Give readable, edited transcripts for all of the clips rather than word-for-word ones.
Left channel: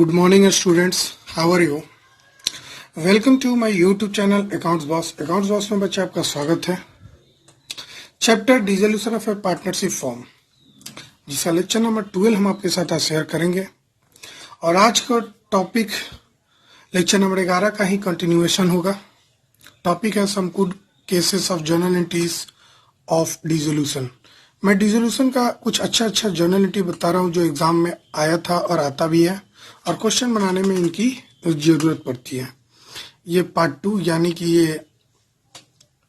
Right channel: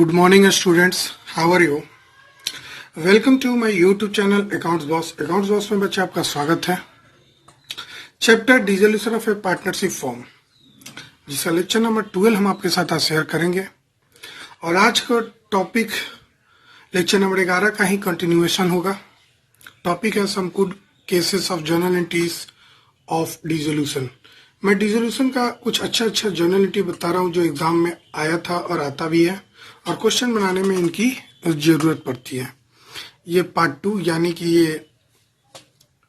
Good morning, students. How are you? Welcome to my YouTube channel Accounts Boss. Accounts Boss में बच्चे आपका स्वागत है. Chapter dissolution of A partnership form, जिसका lecture number 12 हम आपके साथ आज शेयर करेंगे. और आज का टॉपिक लेक्चर नंबर 11 का ही कंटिन्यूएशन होगा. टॉपिक है some good cases of journal entries of dissolution. मैं डिसोल्यूशन का कुछ अच्छा जर्नल एंट्री बता रहा हूँ जो एग्जाम में आया था और आता भी है, और क्वेश्चन बनाने में इनकी जरूरत पड़ती है. ये पार्ट 2 यानी कि ये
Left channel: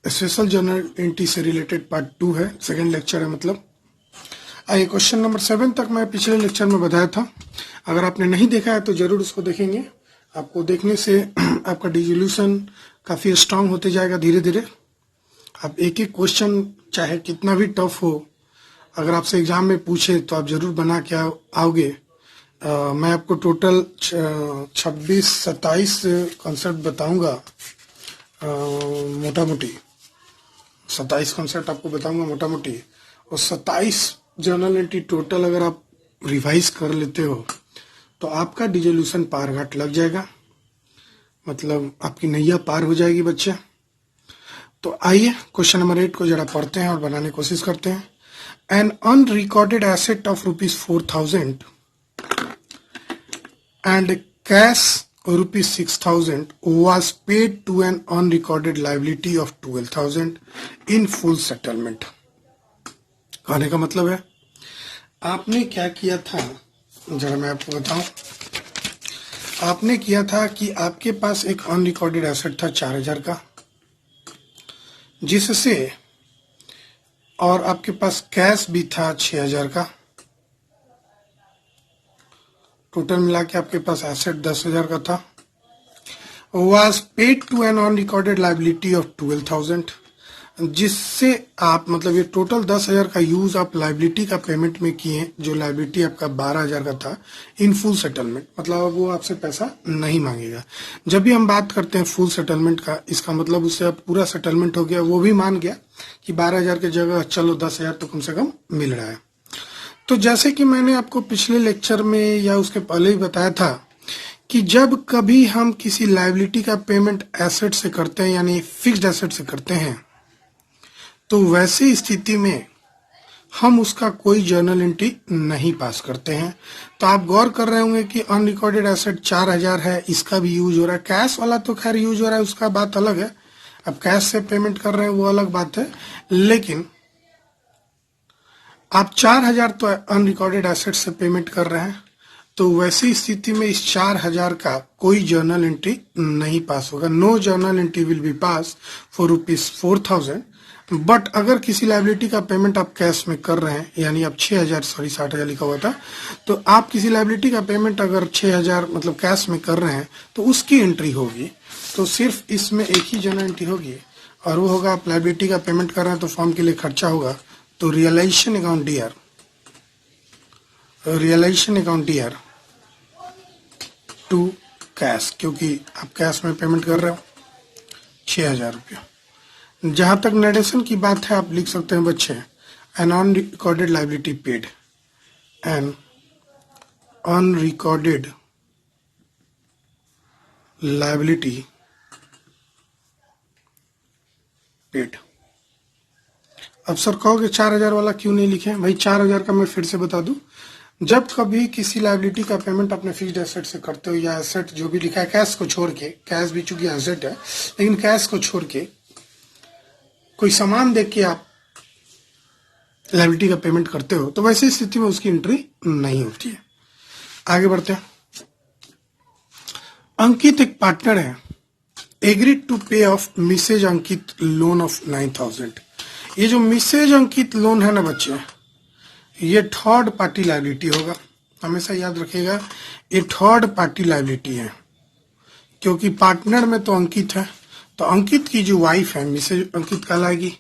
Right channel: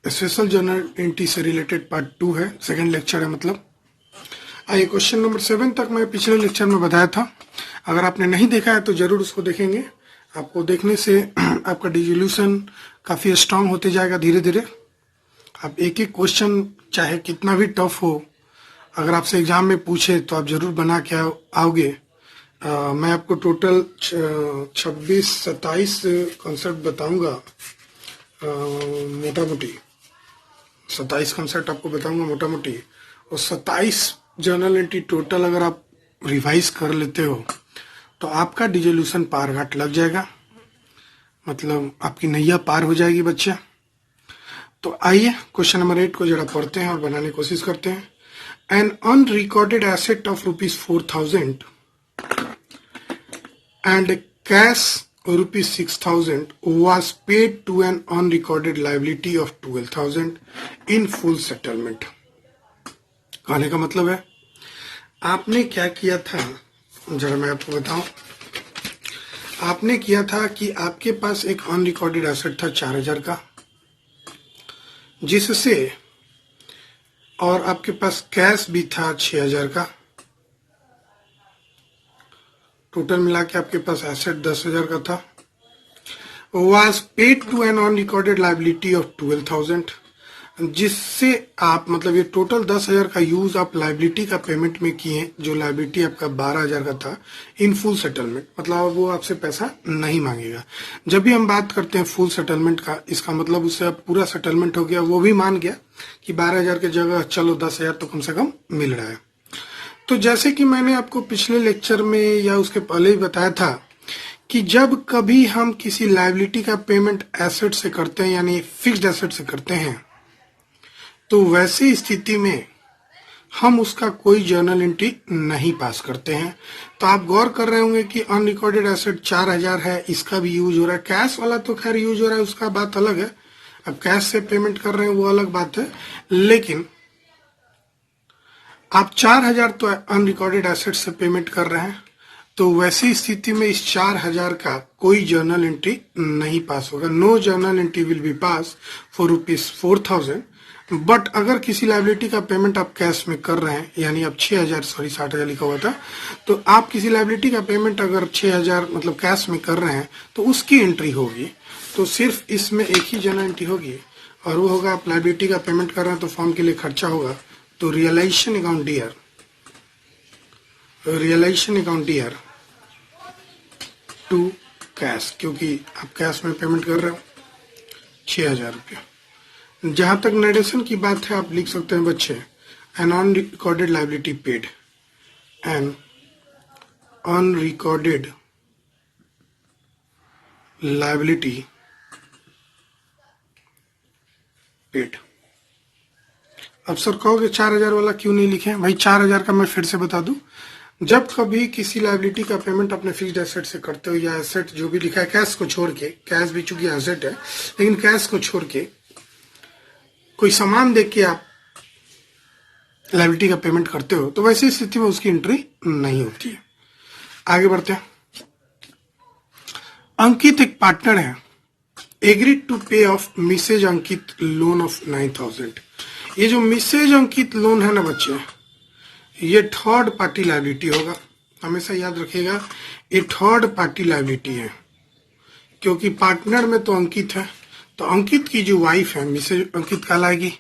स्पेशल जर्नल एंट्री से रिलेटेड पार्ट 2 है, सेकंड लेक्चर है मतलब. आइए क्वेश्चन नंबर 7 तक मैं पिछले लेक्चर में बताया था. अगर आपने नहीं देखा है तो जरूर उसको देखेंगे. आपको देखने से आपका डिसोल्यूशन काफी स्ट्रांग होते जाएगा धीरे धीरे. आप एक एक क्वेश्चन चाहे कितना भी टफ हो, अगर आपसे एग्जाम में पूछे तो आप जरूर बना के आओगे. मैं आपको टोटल 26-27 कॉन्सेप्ट बताऊंगा, मोटा मोटी 27 कॉन्सेप्ट आपको बताऊंगा मोटा मोटी. और 27 जर्नल एंट्री टोटल अगर आप रिवाइज कर लेते हो तो आपका डिसोल्यूशन पार घाट लग जाएगा, मतलब आपकी नैया पार हो जाएगी बच्चे. तो आइए क्वेश्चन नंबर 8 को जरा पढ़ते हैं और बनाने की कोशिश करते हैं. An unrecorded asset of ₹4,000 and cash ₹6,000 was paid to an unrecorded liability of 12,000 in full settlement. कहने का मतलब है आपने क्या किया था, जरा मैं आपको बताऊं. आपने किया था कि आपके पास एक अनरिकॉर्डेड एसेट था 4,000 का, जिससे और आपके पास कैश भी था 6,000 का. टोटल मिला के आपके पास एसेट 10,000 का था. Was paid to an unrecorded liability of 12,000, जिससे आप मतलब ये टोटल 10,000 का यूज आप लाइबिलिटी का पेमेंट में किए, जो लाइबिलिटी आपका 12,000 का था, इन फुल सेटलमेंट. मतलब वो आपसे पैसा नहीं मांगेगा. जब भी हम बात करते हैं फुल सेटलमेंट का, इसका मतलब उससे अब पूरा सेटलमेंट हो गया, वो भी मान गया कि 12,000 की जगह चलो 10,000 तो कम से कम मिल रहा है. तो जैसे कि मैंने आपको पिछले लेक्चर में या उसके पहले ही बताया था कि जब कभी हम किसी लायबिलिटी का पेमेंट एसेट से करते हैं, यानी फिक्स्ड एसेट से करते हैं, तो वैसी स्थिति में हम उसका कोई जर्नल एंट्री नहीं पास करते हैं. तो आप गौर कर रहे होंगे कि अनरिकॉर्डेड एसेट 4,000 है, इसका भी यूज हो रहा है. कैश वाला तो खैर यूज हो रहा है, उसका बात अलग है. अब कैश से पेमेंट कर रहे हैं वो अलग बात है, लेकिन आप 4,000 तो अनरिकॉर्डेड एसेट से पेमेंट कर रहे हैं. तो वैसी स्थिति में इस 4,000 का कोई जर्नल एंट्री नहीं पास होगा. No journal entry will be pass for ₹4,000. But अगर किसी लाइबिलिटी का पेमेंट आप कैश में कर रहे हैं, यानी आप 60,000 लिखा हुआ था, तो आप किसी लाइबिलिटी का पेमेंट अगर 6,000 मतलब कैश में कर रहे हैं तो उसकी एंट्री होगी. तो सिर्फ इसमें एक ही जर्नल एंट्री होगी, और वो होगा आप लाइबिलिटी का पेमेंट कर रहे हैं तो फॉर्म के लिए खर्चा होगा. तो रियलाइजेशन अकाउंट ईयर टू कैश, क्योंकि आप कैश में पेमेंट कर रहे हो 6,000 रुपये. जहां तक नरेशन की बात है आप लिख सकते हैं बच्चे, an unrecorded liability paid, an unrecorded liability paid. अब सर कहोगे 4,000 वाला क्यों नहीं लिखे? भाई 4,000 का मैं फिर से बता दूं, जब कभी किसी लाइबिलिटी का पेमेंट अपने फिक्स्ड एसेट से करते हो, या एसेट जो भी लिखा है कैश को छोड़ के, कैश भी चूंकि एसेट है लेकिन कैश को छोड़ के कोई सामान देख के आप लाइबिलिटी का पेमेंट करते हो, तो वैसी स्थिति में उसकी एंट्री नहीं होती है. आगे बढ़ते हैं. अंकित एक पार्टनर है, agreed to pay off Mrs Ankit loan of 9,000. ये जो मिसेज अंकित लोन है ना बच्चे, ये थर्ड पार्टी लायबिलिटी होगा. हमेशा याद रखिएगा ये थर्ड पार्टी लायबिलिटी है, क्योंकि पार्टनर में तो अंकित है, तो अंकित की जो वाइफ है मिसेज अंकित कहलाएगी.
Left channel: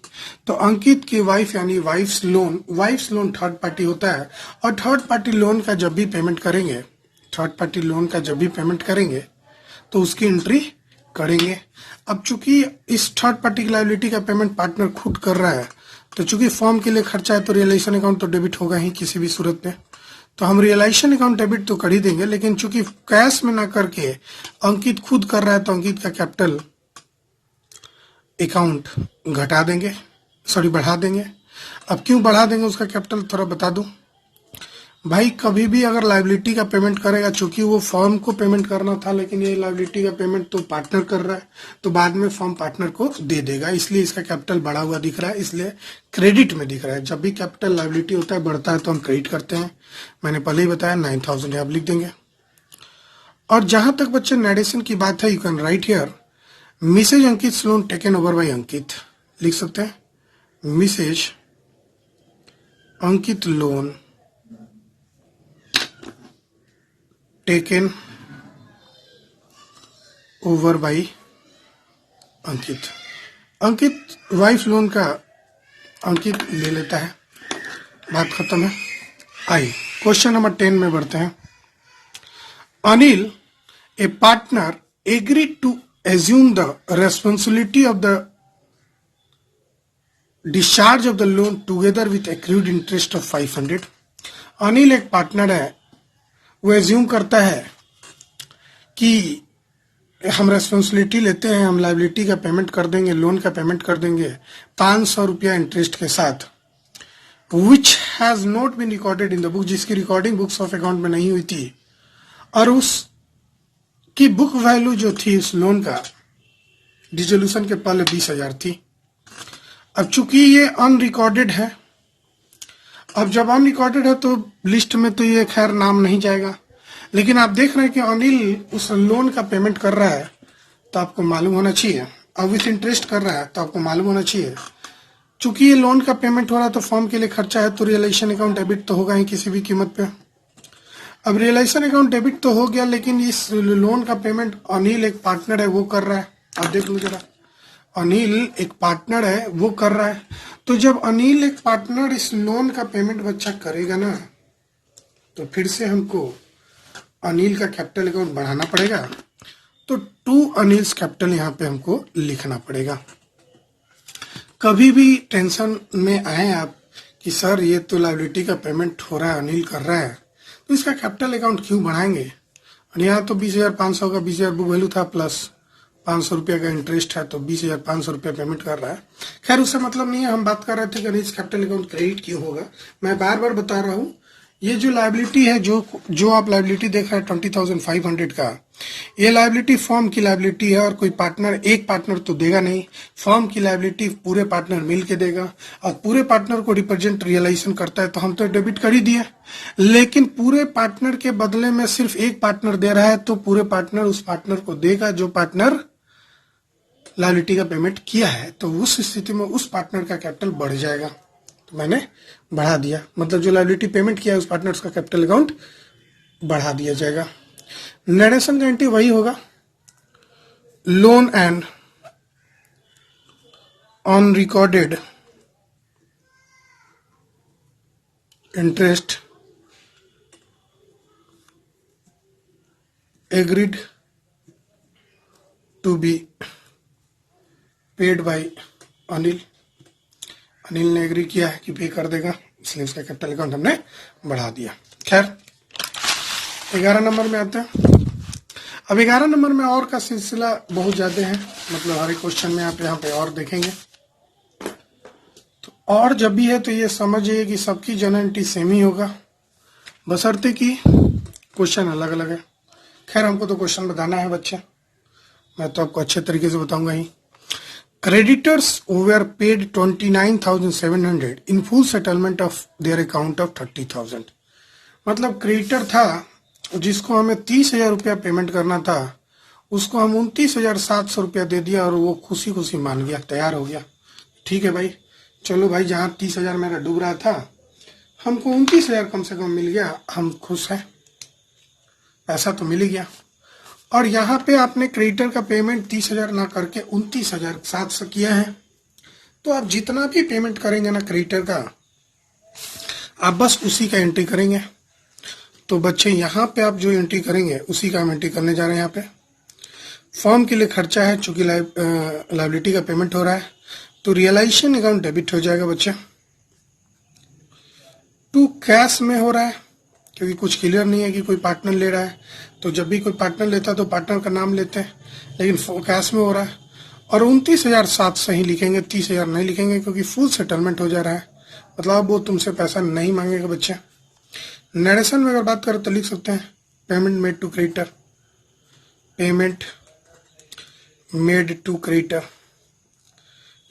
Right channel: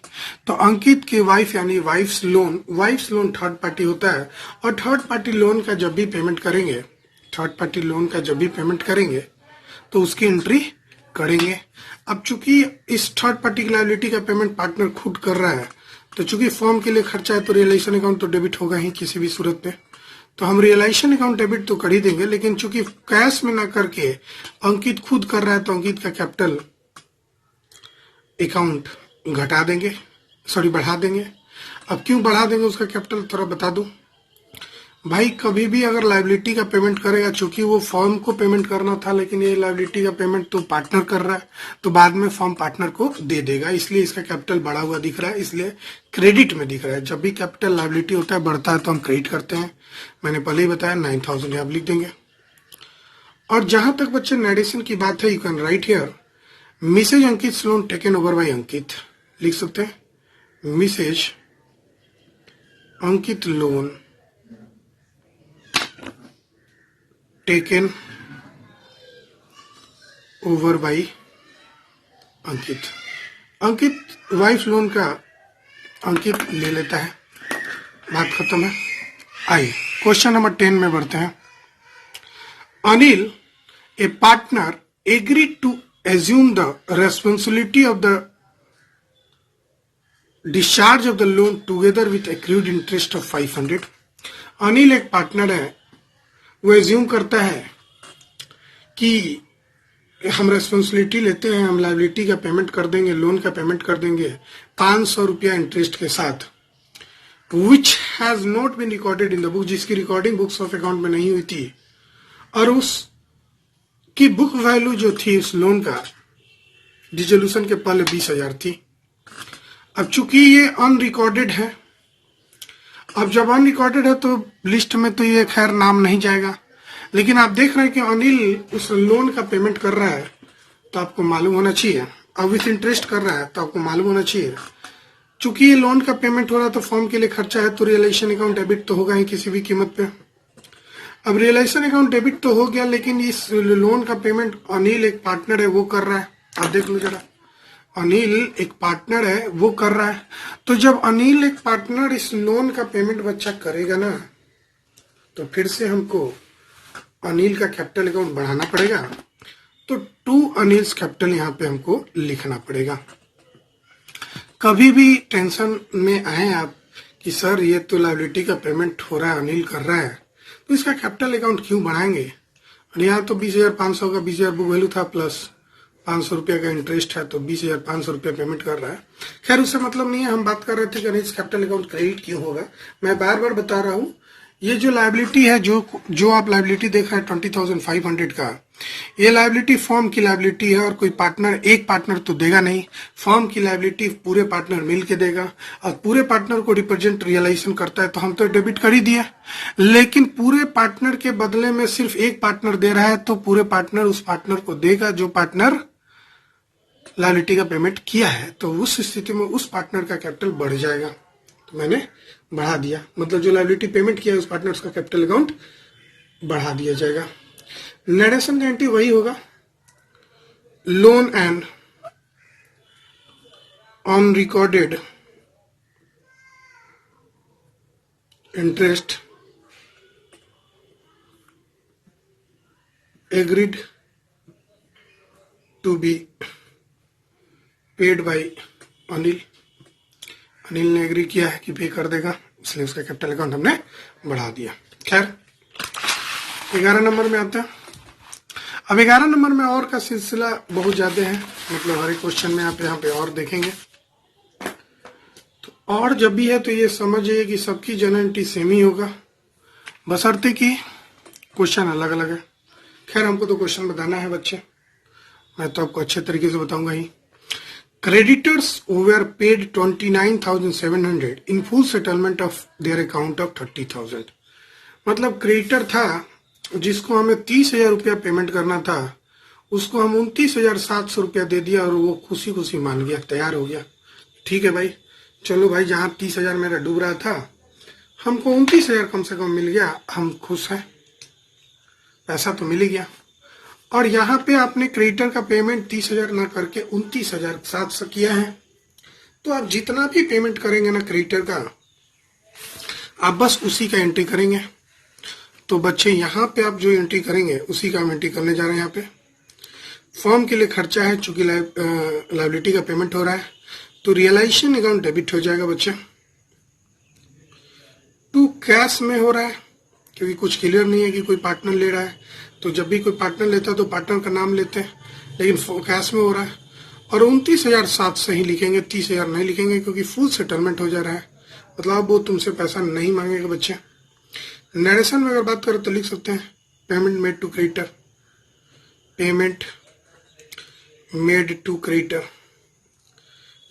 तो अंकित की वाइफ यानी वाइफ्स लोन थर्ड पार्टी होता है. और थर्ड पार्टी लोन का जब भी पेमेंट करेंगे तो उसकी एंट्री करेंगे. अब चूंकि इस थर्ड पार्टी की लायबिलिटी का पेमेंट पार्टनर खुद कर रहा है, तो चूंकि फॉर्म के लिए खर्चा है तो रियलाइजेशन अकाउंट तो डेबिट होगा ही किसी भी सूरत पे. तो हम रियलाइजेशन अकाउंट डेबिट तो कर ही देंगे, लेकिन चूंकि कैश में ना करके अंकित खुद कर रहा है तो अंकित का कैपिटल अकाउंट घटा देंगे, सॉरी बढ़ा देंगे। अब क्यों बढ़ा देंगे उसका कैपिटल थोड़ा बता दूं भाई। कभी भी अगर लायबिलिटी का पेमेंट करेगा, चूंकि वो फर्म को पेमेंट करना था लेकिन ये लायबिलिटी का पेमेंट तो पार्टनर कर रहा है, तो बाद में फर्म पार्टनर को दे देगा, इसलिए इसका कैपिटल बढ़ा हुआ दिख रहा है, इसलिए क्रेडिट में दिख रहा है। जब भी कैपिटल लायबिलिटी होता है बढ़ता है तो हम क्रेडिट करते हैं। मैंने पहले ही बताया 9000 यहाँ लिख देंगे। और जहां तक बच्चे नरेशन की बात है, you can write here Mrs Ankit loan taken over by Ankit, लिख सकते हैं Mrs Ankit loan taken over by Ankit. Ankit wife loan का अंकित ले लेता है, बात खत्म है। आइए क्वेश्चन नंबर 10 में बढ़ते हैं। Anil a partner agreed to assume the responsibility of the discharge of the loan together with accrued interest of 500। Anil एक पार्टनर है, वो एज्यूम करता है कि हम रेस्पॉन्सिबिलिटी लेते हैं, हम लाइबिलिटी का पेमेंट कर देंगे, लोन का पेमेंट कर देंगे 500 रुपया इंटरेस्ट के साथ, which has not been recorded in the book, जिसकी रिकॉर्डिंग बुक्स ऑफ अकाउंट में नहीं हुई थी, और उस की बुक वैल्यू जो थी इस लोन का डिसोल्यूशन के पहले 20,000 थी। अब चूंकि ये अनरिकॉर्डेड है, अब जब अनरिकॉर्डेड है तो लिस्ट में तो ये खैर नाम नहीं जाएगा, लेकिन आप देख रहे हैं कि अनिल उस लोन का पेमेंट कर रहा है तो आपको मालूम होना चाहिए, अब विथ इंटरेस्ट कर रहा है तो आपको मालूम होना चाहिए। चूंकि ये लोन का पेमेंट हो रहा है तो फर्म के लिए खर्चा है, तो रियलाइजेशन अकाउंट डेबिट तो होगा ही किसी भी कीमत पे। अब रियलाइजेशन अकाउंट डेबिट तो हो गया, लेकिन इस लोन का पेमेंट अनिल एक पार्टनर है वो कर रहा है। आप देख लो जरा, अनिल एक पार्टनर है वो कर रहा है, तो जब अनिल एक पार्टनर इस लोन का पेमेंट बच्चा करेगा ना, तो फिर से हमको अनिल का कैपिटल अकाउंट बढ़ाना पड़ेगा, तो टू अनिल्स कैपिटल यहाँ पे हमको लिखना पड़ेगा। कभी भी टेंशन में आए आप कि सर ये तो लायबिलिटी का पेमेंट हो रहा है, अनिल कर रहा है, तो इसका कैपिटल अकाउंट क्यों बढ़ाएंगे। और यहाँ तो 20,500 का 20,000 बुक वैल्यू था प्लस 500 रुपया का इंटरेस्ट है, तो 20,500 रुपया पेमेंट कर रहा है। खैर उससे मतलब नहीं है, हम बात कर रहे थे कि नहीं कैपिटल अकाउंट क्रेडिट क्यों होगा। मैं बार बार बता रहा हूँ, ये जो लायबिलिटी है, जो आप लायबिलिटी देख रहे हैं 20,500 का, ये लायबिलिटी फर्म की लायबिलिटी है, और कोई पार्टनर एक पार्टनर तो देगा नहीं, फर्म की लायबिलिटी पूरे पार्टनर मिल के देगा, और पूरे पार्टनर को रिप्रेजेंट रियलाइजेशन करता है, तो हम तो डेबिट कर ही दिया, लेकिन पूरे पार्टनर के बदले में सिर्फ एक पार्टनर दे रहा है, तो पूरे पार्टनर उस पार्टनर को देगा जो पार्टनर लायबिलिटी का पेमेंट किया है, तो उस स्थिति में उस पार्टनर का कैपिटल बढ़ जाएगा। तो मैंने बढ़ा दिया, मतलब जो लायबिलिटी पेमेंट किया है उस पार्टनर का कैपिटल अकाउंट बढ़ा दिया जाएगा। नरेशन का एंट्री वही होगा, loan and on recorded interest agreed to be paid by Anil. Anil ने एग्री किया है कि पे कर देगा, इसलिए उसका कैपिटल अकाउंट हमने बढ़ा दिया। खैर 11 नंबर में आते हैं। अब 11 नंबर में और का सिलसिला बहुत ज्यादा है, मतलब हर क्वेश्चन में आप यहाँ पे और देखेंगे, तो और जब भी है तो ये समझिए कि सबकी जनरलिटी सेम ही होगा, बशर्ते कि क्वेश्चन अलग अलग है। खैर हमको तो क्वेश्चन बताना है बच्चे, मैं तो आपको अच्छे तरीके से बताऊंगा ही। Creditors were paid 29,700 in full settlement of their account of 30,000। मतलब क्रेडिटर था जिसको हमें 30,000 रुपया पेमेंट करना था, उसको हम 29,700 रुपया दे दिया, और वो खुशी खुशी मान गया, तैयार हो गया, ठीक है भाई चलो भाई, जहाँ 30,000 मेरा डूब रहा था हमको 29,000 कम से कम मिल गया, हम खुश हैं, पैसा तो मिल ही गया। और यहाँ पे आपने क्रेडिटर का पेमेंट 30,000 ना करके 29,700 किया है, तो आप जितना भी पेमेंट करेंगे ना क्रेडिटर का, आप बस उसी का एंट्री करेंगे। तो बच्चे यहाँ पे आप जो एंट्री करेंगे उसी का हम एंट्री करने जा रहे हैं। यहाँ पे फर्म के लिए खर्चा है, चूंकि लायबिलिटी का पेमेंट हो रहा है, तो रियलाइजेशन अकाउंट डेबिट हो जाएगा बच्चे। टू कैश में हो रहा है, क्योंकि कुछ क्लियर नहीं है कि कोई पार्टनर ले रहा है। तो जब भी कोई पार्टनर लेता है तो पार्टनर का नाम लेते हैं, लेकिन कैश में हो रहा है। और 29,700 ही लिखेंगे, 30,000 नहीं लिखेंगे, क्योंकि फुल सेटलमेंट हो जा रहा है, मतलब अब वो तुमसे पैसा नहीं मांगेगा बच्चा। नरेशन में अगर बात करें तो लिख सकते हैं payment made to creditor, payment made to creditor.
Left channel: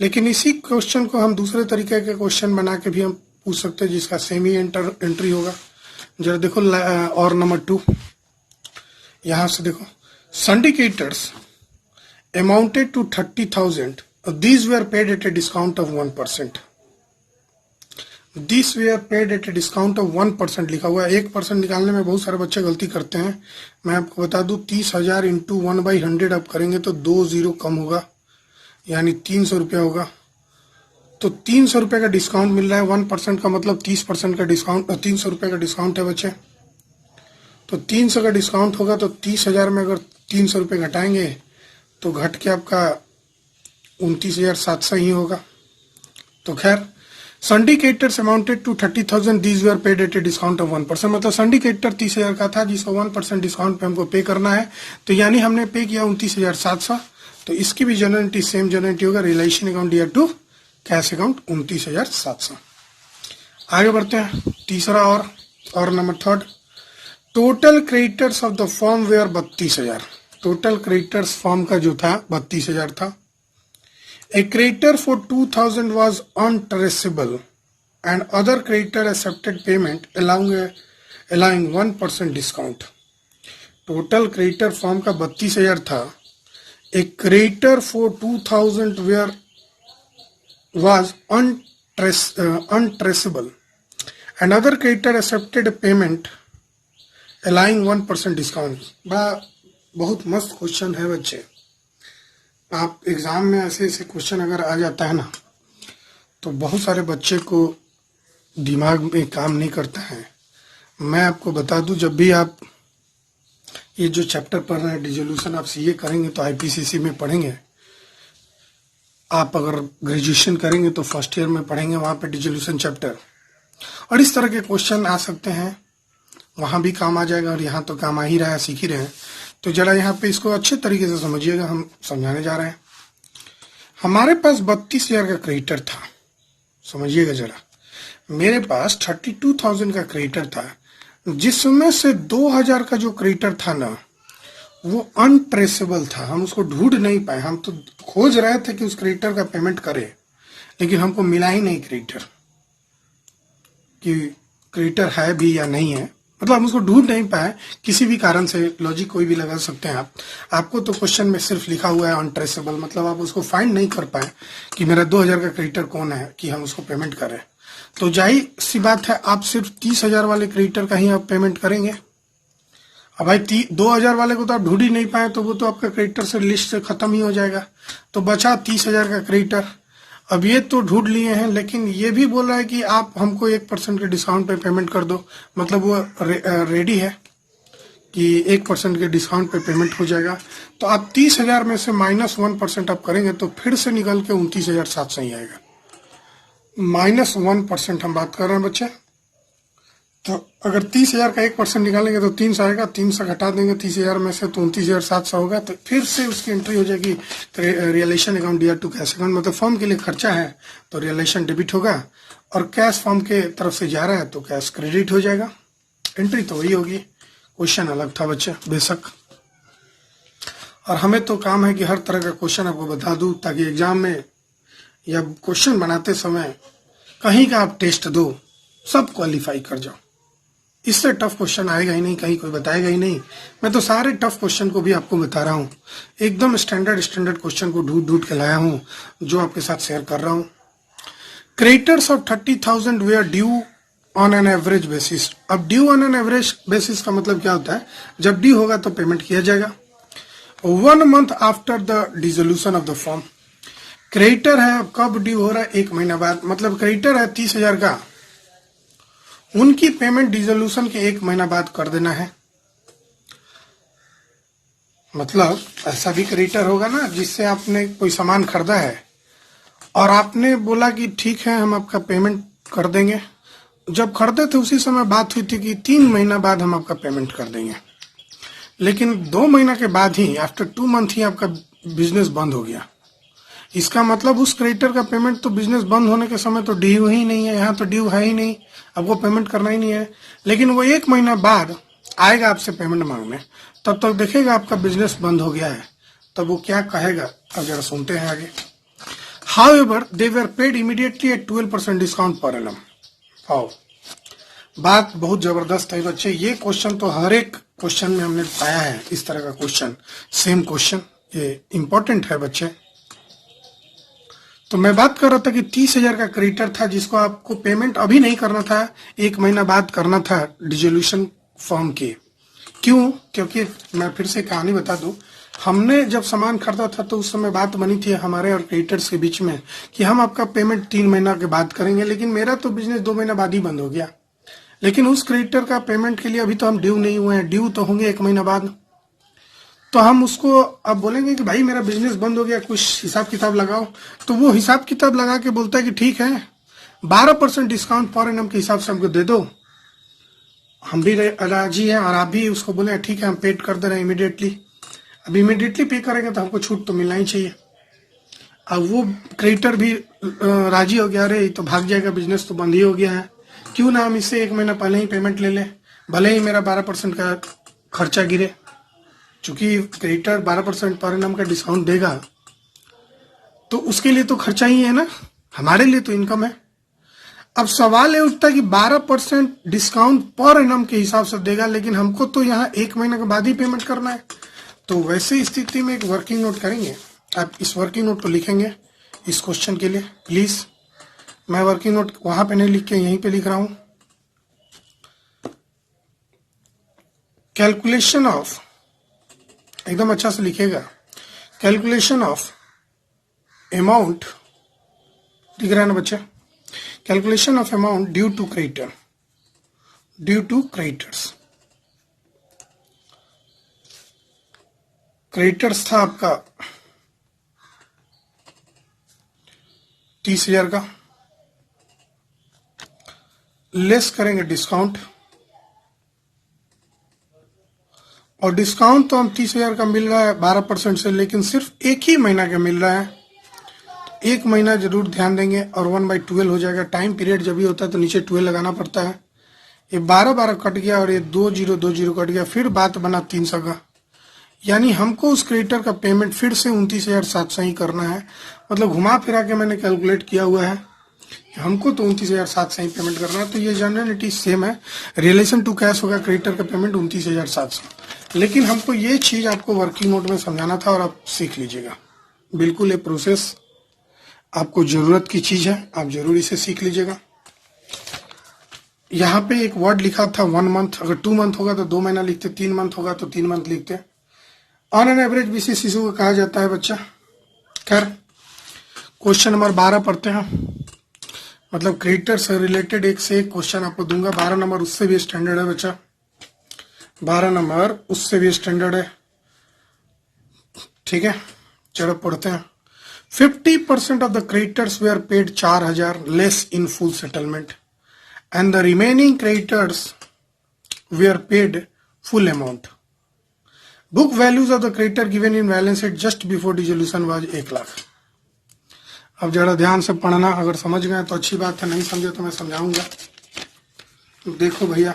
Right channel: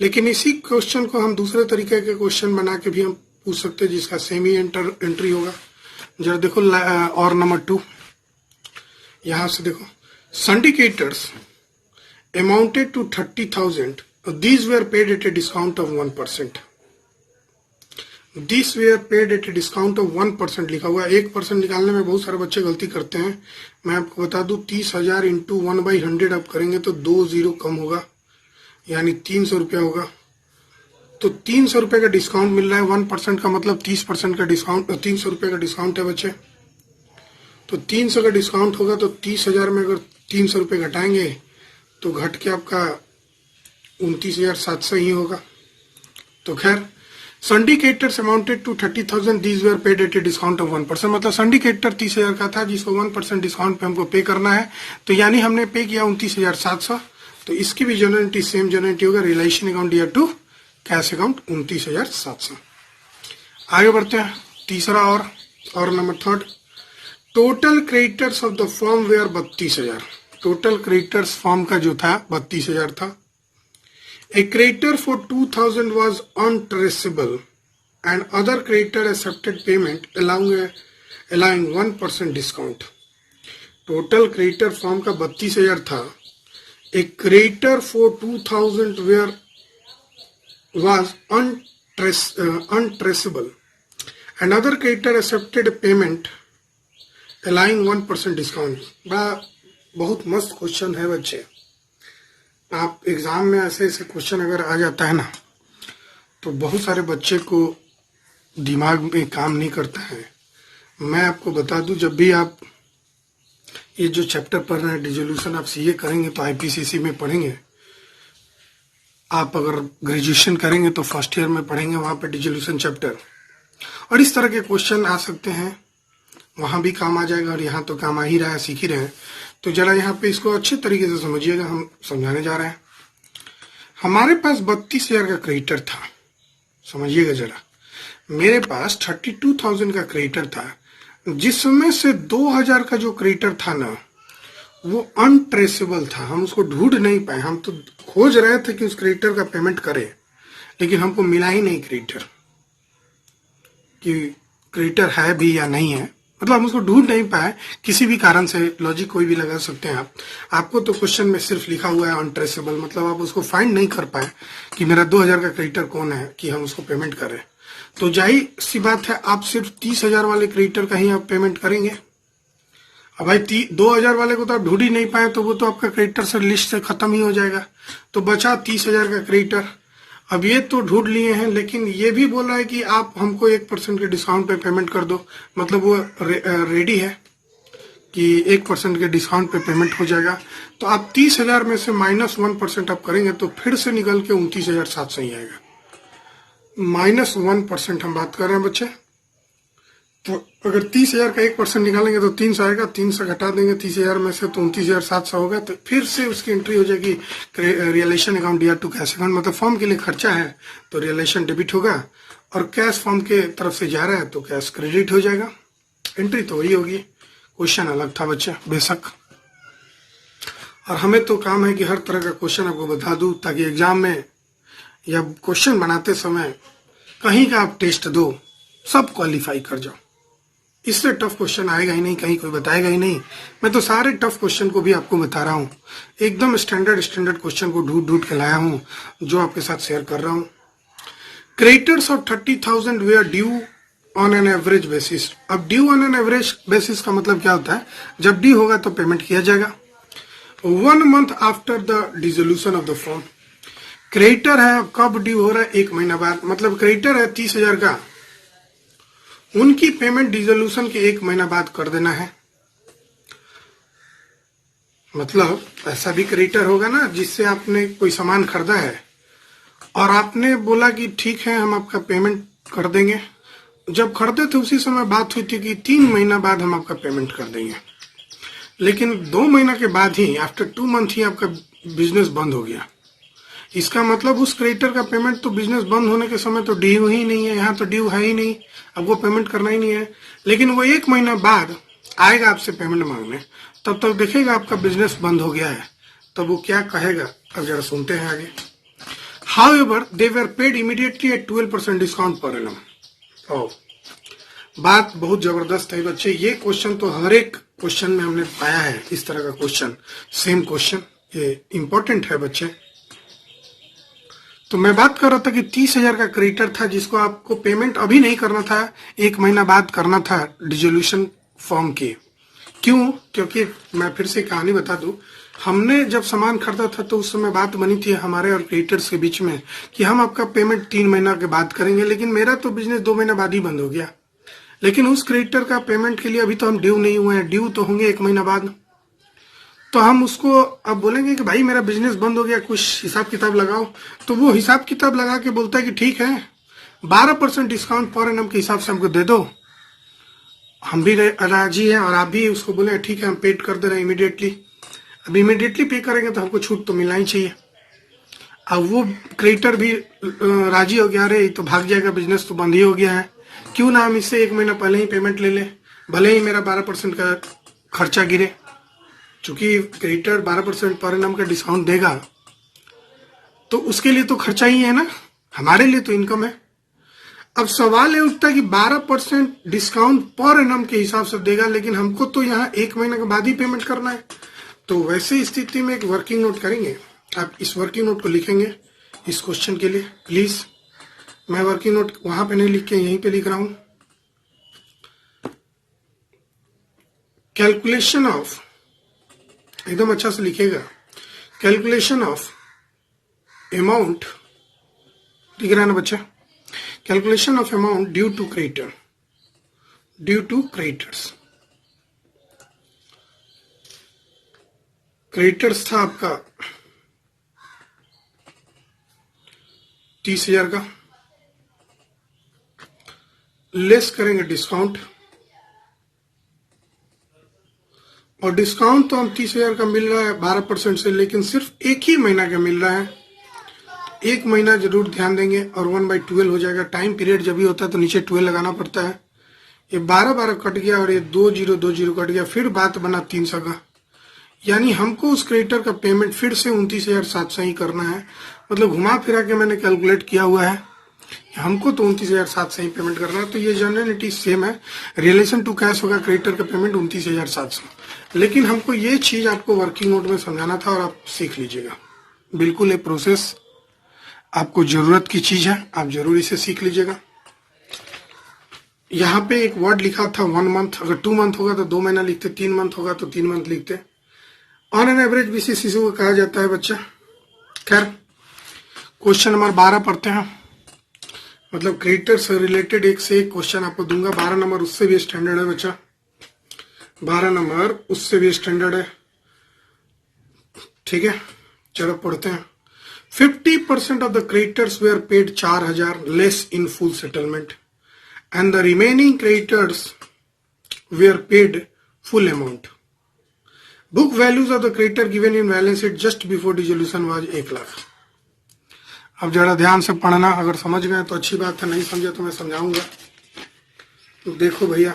लेकिन इसी क्वेश्चन को हम दूसरे तरीके के क्वेश्चन बना के भी हम पूछ सकते हैं, जिसका सेम ही एंट्री होगा। जरा देखो और नंबर 2, यहां से देखो, syndicators amounted to 30,000, these were paid at a discount of 1%. These were paid at a discount of 1% लिखा हुआ है। 1% निकालने में बहुत सारे बच्चे गलती करते हैं। मैं आपको बता दूं 30,000 इंटू 1/100 आप करेंगे तो 2 0 कम होगा, यानी 300 रुपया होगा। तो 300 रुपये का डिस्काउंट मिल रहा है। 1% का मतलब 30% का डिस्काउंट, 300 रुपये का डिस्काउंट है बच्चे। तो 300 का डिस्काउंट होगा तो 30,000 में अगर 300 रुपये घटाएंगे तो घट के आपका 29,700 ही होगा। तो खैर, syndicators amounted to 30,000, these were paid at a discount of 1%। मतलब सिंडिकेटर 30,000 का था, जिसको 1% डिस्काउंट पे हमको पे करना है। तो यानी हमने पे किया 29,700। तो इसकी भी जनरेटी सेम जनरेटी होगा, रिलेशन अकाउंट या टू कैश अकाउंट 29,700। आगे बढ़ते हैं, तीसरा और नंबर 3, total creditors of the firm were 32,000। Total creditors firm का जो था 32,000 था। A creditor for 2,000 was untraceable and other creditor accepted payment allowing 1% discount. Total creditor form का 32,000 था। A creditor for 2,000 was untraceable and other creditor accepted payment allowing 1% discount. बहुत मस्त question है बच्चे। आप एग्जाम में ऐसे क्वेश्चन अगर आ जाता है ना, तो बहुत सारे बच्चे को दिमाग में काम नहीं करता है। मैं आपको बता दूं, जब भी आप ये जो चैप्टर पढ़ रहे हैं डिसोल्यूशन, आप सीए करेंगे तो आईपीसीसी में पढ़ेंगे। आप अगर ग्रेजुएशन करेंगे तो फर्स्ट ईयर में पढ़ेंगे, वहां पे डिसोल्यूशन चैप्टर। और इस तरह के क्वेश्चन आ सकते हैं, वहां भी काम आ जाएगा, और यहाँ तो काम आ ही रहा है, सीख ही रहे हैं। तो जरा यहाँ पे इसको अच्छे तरीके से समझिएगा, हम समझाने जा रहे हैं। हमारे पास 32,000 का क्रेडिटर था, समझिएगा जरा। मेरे पास 32,000 का क्रेडिटर था, जिसमें से 2,000 का जो क्रेडिटर था ना, वो अनट्रेसेबल था। हम उसको ढूंढ नहीं पाए। हम तो खोज रहे थे कि उस क्रेडिटर का पेमेंट करें, लेकिन हमको मिला ही नहीं क्रेडिटर, कि क्रेडिटर है भी या नहीं है। मतलब हम उसको ढूंढ नहीं पाए किसी भी कारण से। लॉजिक कोई भी लगा सकते हैं आप। आपको तो क्वेश्चन में सिर्फ लिखा हुआ है अनट्रेसेबल, मतलब आप उसको फाइंड नहीं कर पाए कि मेरा 2,000 का क्रेडिटर कौन है कि हम उसको पेमेंट करें। तो जाहिर सी बात है, आप सिर्फ 30,000 वाले क्रेडिटर का ही आप पेमेंट करेंगे। अब भाई 2,000 वाले को तो आप ढूंढ ही नहीं पाए, तो वो तो आपका क्रेडिटर से लिस्ट से खत्म ही हो जाएगा। तो बचा 30,000 का क्रेडिटर। अब ये तो ढूंढ लिए हैं, लेकिन ये भी बोल रहा है कि आप हमको 1% के डिस्काउंट पे पेमेंट कर दो। मतलब वो रेडी है कि 1% के डिस्काउंट पे पेमेंट हो जाएगा। तो आप 30,000 में से -1% आप करेंगे तो फिर से निकल के 29,700 ही आएगा। -1% हम बात कर रहे हैं बच्चे। तो अगर 30,000 का 1% निकालेंगे तो 300 आएगा, 300 घटा देंगे 30,000 में से तो 29,700 होगा। तो फिर से उसकी एंट्री हो जाएगी रियलेशन अकाउंट या टू कैश अकाउंट। मतलब फॉर्म के लिए खर्चा है तो रियलेशन डेबिट होगा, और कैश फॉर्म के तरफ से जा रहा है तो कैश क्रेडिट हो जाएगा। एंट्री तो वही होगी, क्वेश्चन अलग था बच्चे बेशक। और हमें तो काम है कि हर तरह का क्वेश्चन आपको बता दूं, ताकि एग्जाम में या क्वेश्चन बनाते समय कहीं का आप टेस्ट दो, सब क्वालिफाई कर जाओ। इससे टफ क्वेश्चन आएगा ही नहीं, कहीं कोई बताएगा ही नहीं। मैं तो सारे टफ क्वेश्चन को भी आपको बता रहा हूँ, एकदम स्टैंडर्ड क्वेश्चन को ढूंढ के लाया हूँ, जो आपके साथ शेयर कर रहा हूँ। Creditors of 30,000 we are due on an average basis. अब due on an average basis का मतलब क्या होता है? जब ड्यू होगा तो पेमेंट किया जाएगा 1 month after the dissolution of the form. Creditor है, कब ड्यू हो रहा है? 1 महीना बाद। मतलब क्रेडिटर है 30,000 का, उनकी पेमेंट डिसोल्यूशन के 1 महीना बाद कर देना है। मतलब ऐसा भी क्रेडिटर होगा ना, जिससे आपने कोई सामान खरीदा है और आपने बोला कि ठीक है हम आपका पेमेंट कर देंगे, जब खरीदे थे उसी समय बात हुई थी कि 3 महीना बाद हम आपका पेमेंट कर देंगे, लेकिन 2 महीना के बाद ही आफ्टर 2 मंथ ही आपका बिजनेस बंद हो गया। इसका मतलब उस क्रेडिटर का पेमेंट तो बिजनेस बंद होने के समय तो ड्यू ही नहीं है, यहाँ तो ड्यू है ही नहीं, अब वो पेमेंट करना ही नहीं है। लेकिन वो 1 महीना बाद आएगा आपसे पेमेंट मांगने, तब तक देखेगा आपका बिजनेस बंद हो गया है, तब वो क्या कहेगा अब जरा सुनते हैं आगे। However, they were paid immediately at 12% discount per annum. आओ, बात बहुत जबरदस्त है बच्चे। ये क्वेश्चन तो हर एक क्वेश्चन में हमने पाया है, इस तरह का क्वेश्चन, सेम क्वेश्चन, ये इंपॉर्टेंट है बच्चे। तो मैं बात कर रहा था कि 30,000 का क्रेडिटर था जिसको आपको पेमेंट अभी नहीं करना था, 1 महीना बाद करना था डिसोल्यूशन फॉर्म के। क्यों? क्योंकि मैं फिर से कहानी बता दूं, हमने जब सामान खरीदा था तो उस समय बात बनी थी हमारे और क्रेडिटर्स के बीच में कि हम आपका पेमेंट 3 महीना के बाद करेंगे, लेकिन मेरा तो बिजनेस 2 महीना बाद ही बंद हो गया। लेकिन उस क्रेडिटर का पेमेंट के लिए अभी तो हम ड्यू नहीं हुए हैं, ड्यू तो होंगे 1 महीना बाद। तो हम उसको अब बोलेंगे कि भाई मेरा बिजनेस बंद हो गया, कुछ हिसाब किताब लगाओ। तो वो हिसाब किताब लगा के बोलता है कि ठीक है 12% डिस्काउंट पर एनम के हिसाब से हमको दे दो। हम भी राजी है और आप भी उसको बोले ठीक है हम पेड कर दे रहे हैं इमीडिएटली। अब इमीडिएटली पे करेंगे तो हमको छूट तो मिलना ही चाहिए। अब वो क्रेडिटर भी राजी हो गया, अरे तो भाग जाएगा, बिजनेस तो बंद ही हो गया है, क्यों ना हम इससे 1 महीना पहले ही पेमेंट ले ले, भले ही मेरा 12% का खर्चा गिरे। चूंकि क्रेडिटर 12% पर एनम का डिस्काउंट देगा तो उसके लिए तो खर्चा ही है ना, हमारे लिए तो इनकम है। अब सवाल ये उठता है कि 12% डिस्काउंट पर एनम के हिसाब से देगा, लेकिन हमको तो यहाँ 1 महीने के बाद ही पेमेंट करना है। तो वैसी स्थिति में एक वर्किंग नोट करेंगे। आप इस वर्किंग नोट को लिखेंगे इस क्वेश्चन के लिए प्लीज। मैं वर्किंग नोट वहां पे नहीं लिख के यहीं पे लिख रहा हूं। कैलकुलेशन ऑफ, एकदम अच्छा से लिखेगा, कैलकुलेशन ऑफ अमाउंट, दिख रहा है ना बच्चा, calculation of amount due to creditor, due to creditors. Creditors था आपका 30,000 का, लेस करेंगे डिस्काउंट, और डिस्काउंट तो हम 30,000 का मिल रहा है 12% से, लेकिन सिर्फ 1 ही महीना का मिल रहा है। 1 महीना जरूर ध्यान देंगे और 1/12 हो जाएगा। टाइम पीरियड जब भी होता है तो नीचे 12 लगाना पड़ता है। ये 12 कट गया और ये 2020 कट गया, फिर बात बना 300 का, यानी हमको उस क्रेडिटर का पेमेंट फिर से 29,700 ही करना है। मतलब घुमा फिरा के मैंने कैलकुलेट किया हुआ है, हमको तो 29,700 ही पेमेंट करना है। तो ये जनरलिटी सेम है, रिलेशन टू कैश होगा क्रेडिटर का पेमेंट 29,700। लेकिन हमको ये चीज आपको वर्किंग नोट में समझाना था और आप सीख लीजिएगा। बिल्कुल ये प्रोसेस आपको जरूरत की चीज है, आप जरूर इसे सीख लीजिएगा। यहाँ पे एक वर्ड लिखा था 1 मंथ, अगर 2 मंथ होगा तो 2 महीना लिखते, 3 मंथ होगा तो 3 मंथ लिखते। ऑन एन एवरेज बेसिस इसको कहा जाता है बच्चा। खैर क्वेश्चन नंबर 12 पढ़ते हैं। मतलब क्रेडिटर से रिलेटेड एक से एक क्वेश्चन आपको दूंगा। 12 नंबर उससे भी स्टैंडर्ड है बच्चा, 12 नंबर उससे भी स्टैंडर्ड है, ठीक है। चलो पढ़ते हैं। 50% of the creditors were paid 4,000 less in full settlement and the remaining creditors were paid full amount. Book values of the creditor given in balance sheet just before dissolution was 1,00,000. अब जरा ध्यान से पढ़ना, अगर समझ गए तो अच्छी बात है, नहीं समझे तो मैं समझाऊंगा। देखो भैया,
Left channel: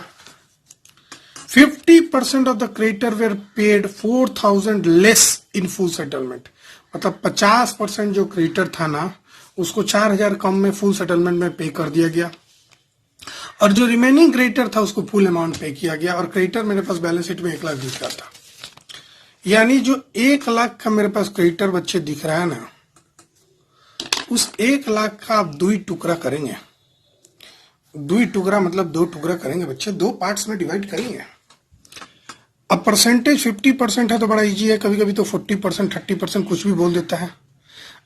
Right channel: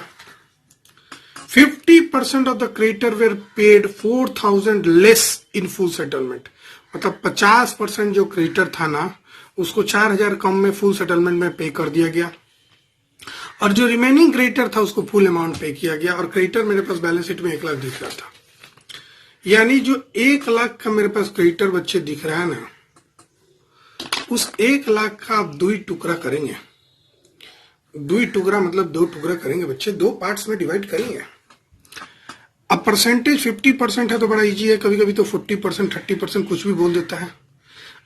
50% of the creditor were paid 4,000 less in full settlement। मतलब 50% जो क्रेडिटर था ना उसको 4,000 कम में फुल सेटलमेंट में पे कर दिया गया, और जो रिमेनिंग क्रेडिटर था उसको फुल अमाउंट पे किया गया। और क्रेडिटर मेरे पास बैलेंस शीट में 1,00,000 दिख रहा था, यानी जो 1,00,000 का मेरे पास क्रेडिटर बच्चे दिख रहा है ना, उस 1,00,000 का आप 2 टुकड़ा करेंगे। 2 टुकड़ा मतलब 2 टुकड़ा करेंगे बच्चे, 2 पार्ट्स में डिवाइड करेंगे। अब परसेंटेज 50% है तो बड़ा इजी है, कभी कभी तो 40% 30% कुछ भी बोल देता है।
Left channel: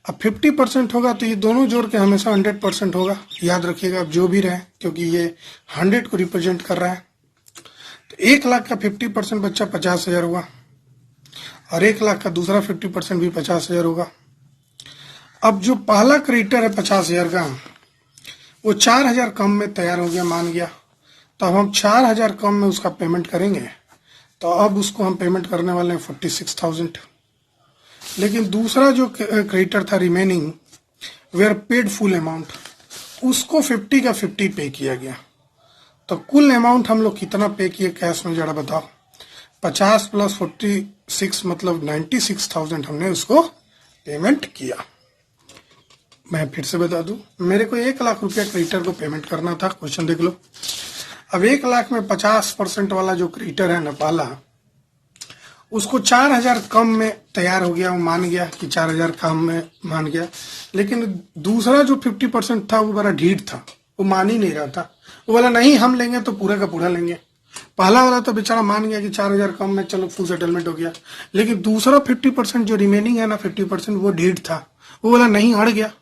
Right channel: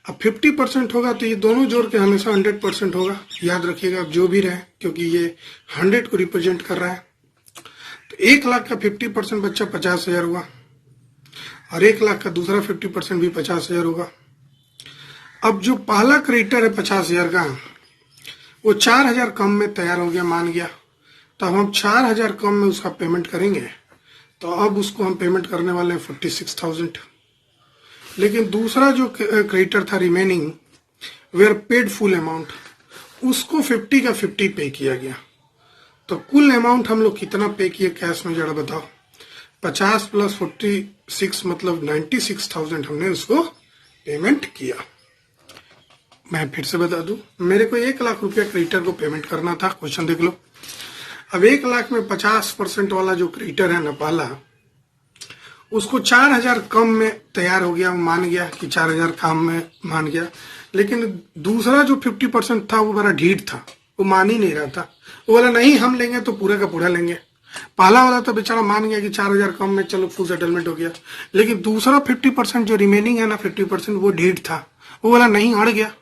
अब 50% होगा तो ये दोनों जोड़ के हमेशा 100% होगा, याद रखिएगा जो भी रहे, क्योंकि ये 100 को रिप्रेजेंट कर रहा है। तो 1,00,000 का 50% बच्चा 50,000 होगा, और 1,00,000 का दूसरा 50% भी 50,000 होगा। अब जो पहला क्रेडिटर है 50,000 का, वो 4,000 कम में तैयार हो गया, मान गया, तो अब हम 4,000 कम में उसका पेमेंट करेंगे। तो अब उसको हम पेमेंट करने वाले हैं 46,000। लेकिन दूसरा जो क्रेडिटर था remaining were paid full amount, उसको 50 का 50 पे किया गया। तो कुल अमाउंट हम लोग कितना पे किए कैश में, जरा बताओ। 50 प्लस 46 मतलब 96,000 हमने उसको पेमेंट किया। मैं फिर से बता दूं, मेरे को 1,00,000 रुपया क्रेडिटर को पेमेंट करना था। क्वेश्चन देख लो। अब 1,00,000 में 50% वाला जो क्रेडिटर है ना पहला, उसको 4,000 कम में तैयार हो गया, वो मान गया कि 4,000 कम में मान गया। लेकिन दूसरा जो 50% था वो बड़ा ढीठ था, वो मान ही नहीं रहा था। वो बोला नहीं हम लेंगे तो पूरे का पूरा लेंगे। पहला वाला तो बेचारा मान गया कि 4,000 कम में चलो फुल सेटलमेंट हो गया। लेकिन दूसरा 50% जो रिमेनिंग है ना 50%, वो ढीठ था। वो बोला नहीं, अड़ गया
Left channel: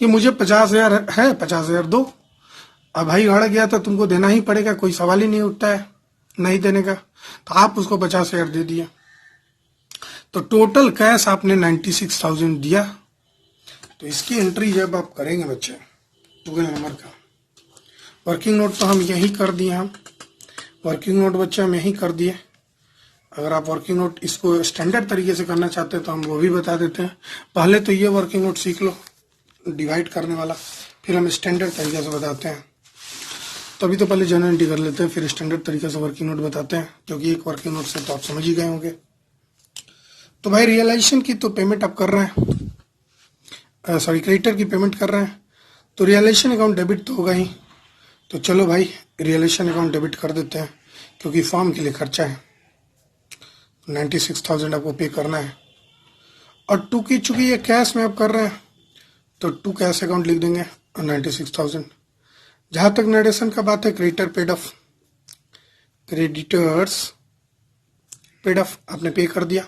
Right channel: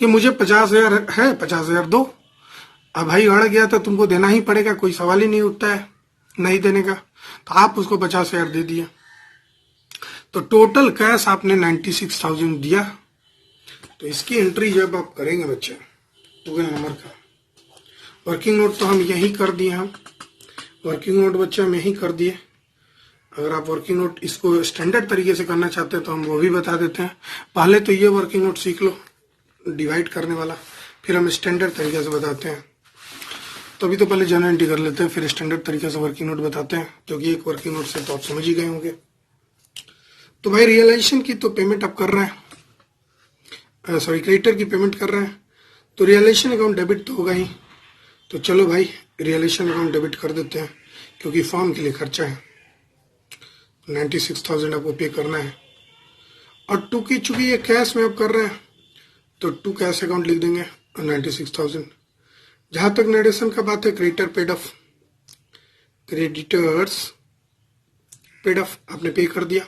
कि मुझे 50,000 है, 50,000 दो। अब भाई अड़ गया तो तुमको देना ही पड़ेगा, कोई सवाल ही नहीं उठता है नहीं देने का। तो आप उसको 50,000 दे दिया। तो टोटल कैश आपने 96,000 दिया। तो इसकी एंट्री जब आप करेंगे बच्चे, टुगेदर नंबर का वर्किंग नोट तो हम यही कर दिए। हम वर्किंग नोट बच्चे हम यही कर दिए। अगर आप वर्किंग नोट इसको स्टैंडर्ड तरीके से करना चाहते हैं तो हम वो भी बता देते हैं। पहले तो ये वर्किंग नोट सीख लो डिवाइड करने वाला, फिर हम स्टैंडर्ड तरीके से बताते हैं। तभी तो पहले जनरल एंट्री कर लेते हैं, फिर स्टैंडर्ड तरीके से वर्किंग नोट बताते हैं, क्योंकि एक वर्किंग नोट से तो आप समझ ही गए होंगे। तो भाई रियलाइजेशन की तो पेमेंट आप कर रहे हैं, सॉरी क्रेडिटर की पेमेंट कर रहे हैं, तो रियलाइजेशन अकाउंट डेबिट तो होगा ही। तो चलो भाई रियलाइजेशन अकाउंट डेबिट कर देते हैं, क्योंकि फॉर्म के लिए खर्चा है। 96,000 आपको पे करना है। और टू की चूंकि ये कैश में आप कर रहे हैं तो टू कैश अकाउंट लिख देंगे और 96,000। जहां तक नरेशन का बात है, क्रेडिटर्स पेड ऑफ आपने पे कर दिया।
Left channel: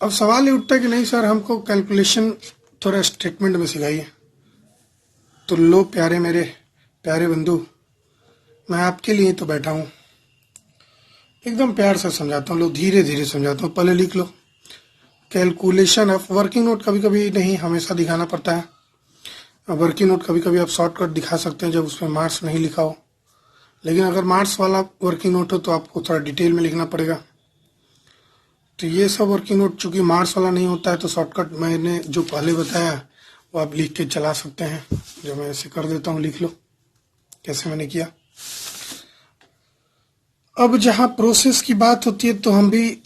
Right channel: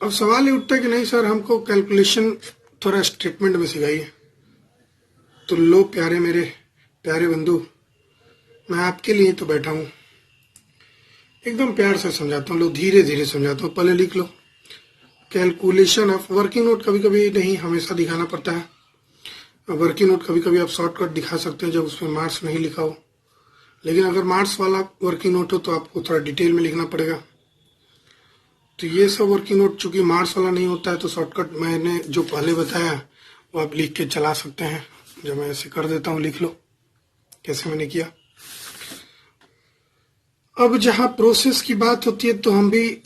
अब सवाल ये उठता है कि नहीं सर हमको कैलकुलेशन थोड़ा स्टेटमेंट में सिखाइए। तो लो प्यारे मेरे प्यारे बंधु, मैं आपके लिए तो बैठा हूं, एकदम प्यार से समझाता हूँ। लो धीरे धीरे समझाता हूँ, पहले लिख लो कैलकुलेशन ऑफ वर्किंग नोट। कभी कभी नहीं हमेशा दिखाना पड़ता है। वर्किंग नोट कभी कभी आप शॉर्टकट दिखा सकते हैं जब उसमें मार्क्स नहीं लिखा हो। लेकिन अगर मार्क्स वाला वर्किंग नोट हो तो आपको थोड़ा डिटेल में लिखना पड़ेगा। तो ये सब वर्किंग नोट चूंकि मार्क्स वाला नहीं होता है तो शॉर्टकट मैंने जो पहले बताया वो आप लिख के चला सकते हैं। जो मैं ऐसे कर देता हूँ, लिख लो कैसे मैंने किया। अब जहाँ प्रोसेस की बात होती है तो हम भी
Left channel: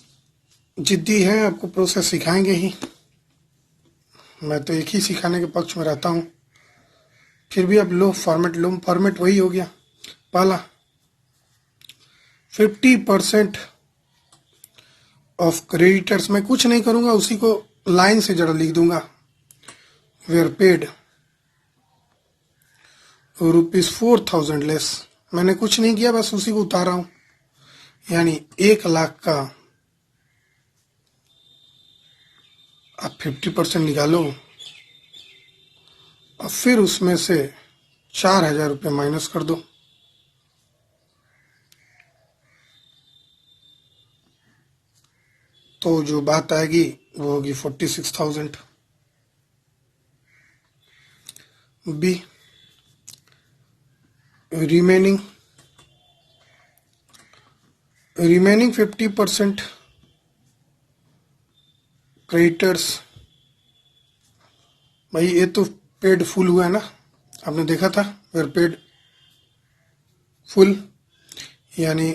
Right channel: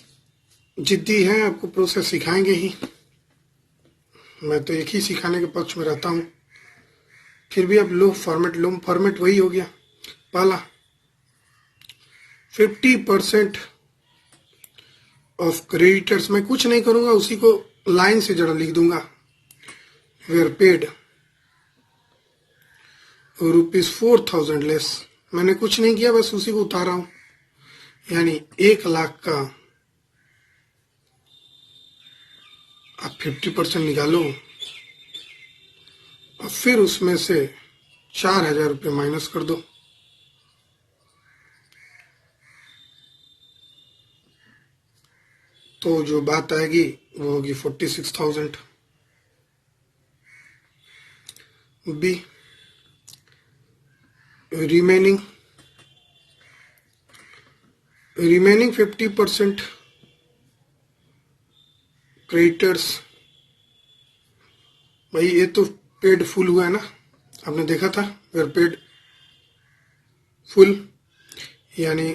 जिद्दी हैं, आपको प्रोसेस सिखाएंगे ही। मैं तो एक ही सिखाने के पक्ष में रहता हूँ। फिर भी अब लो फॉर्मेट वही हो गया। पहला 50% ऑफ क्रेडिटर्स, मैं कुछ नहीं करूंगा, उसी को लाइन से जरा लिख दूंगा। वेयर पेड ₹4,000 लेस, मैंने कुछ नहीं किया, बस उसी को उतारा हूं। यानी 1,00,000 का आप 50% निकालो और फिर उसमें से 4,000 रुपये माइनस कर दो। तो जो बात आएगी वो होगी 46,000। Be remaining 50% creditors. भाई ये तो पेड फुल हुआ है ना, आपने देखा था वेयर पेड फुल। यानी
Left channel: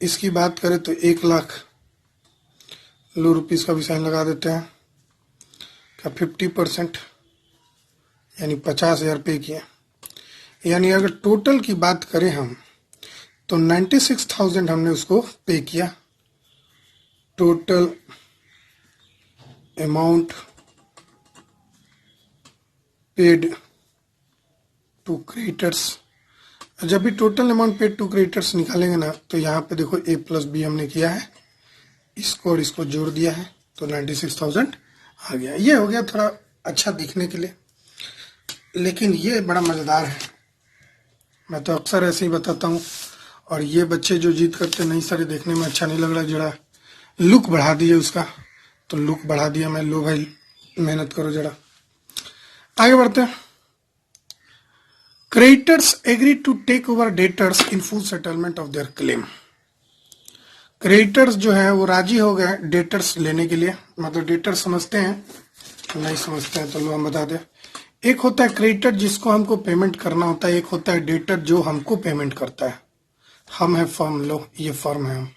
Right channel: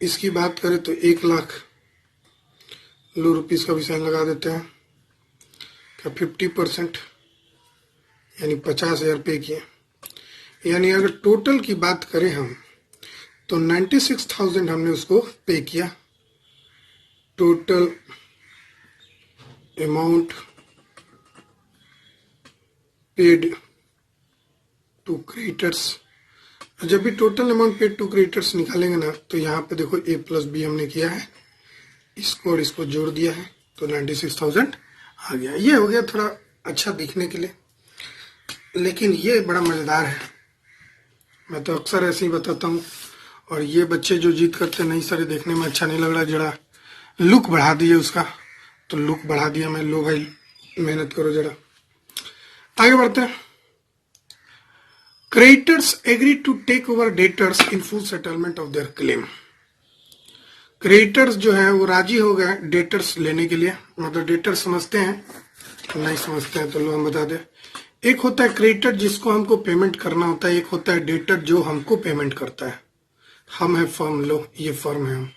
इसकी बात करें तो 1,00,000 लो रुपीस का भी साइन लगा देते हैं का 50% यानी 50,000 पे किया। यानी अगर टोटल की बात करें हम तो 96,000 हमने उसको पे किया। Total amount paid to creditors. जब भी total amount paid to creditors निकालेंगे ना तो यहाँ पे देखो A+B हमने किया है, इसको और इसको जोड़ दिया है तो 96,000 आ गया। ये हो गया थोड़ा अच्छा दिखने के लिए, लेकिन ये बड़ा मजेदार है। मैं तो अक्सर ऐसे ही बताता हूँ। और ये बच्चे जो जिद करते नहीं सर देखने में अच्छा नहीं लग रहा, जरा लुक बढ़ा दिए उसका, तो लुक बढ़ा दिया मैं। लो भाई मेहनत करो जरा। आगे बढ़ते हैं। Creditors agree to take over debtors in full settlement of their claim. Creditors जो है वो राजी हो गए डेटर्स लेने के लिए, मतलब डेटर्स समझते हैं, नहीं समझते हैं तो लो हम बता दें। एक होता है क्रेडिटर जिसको हमको पेमेंट करना होता है, एक होता है डेटर जो हमको पेमेंट करता है। हम है फर्म, लो ये फर्म है, हम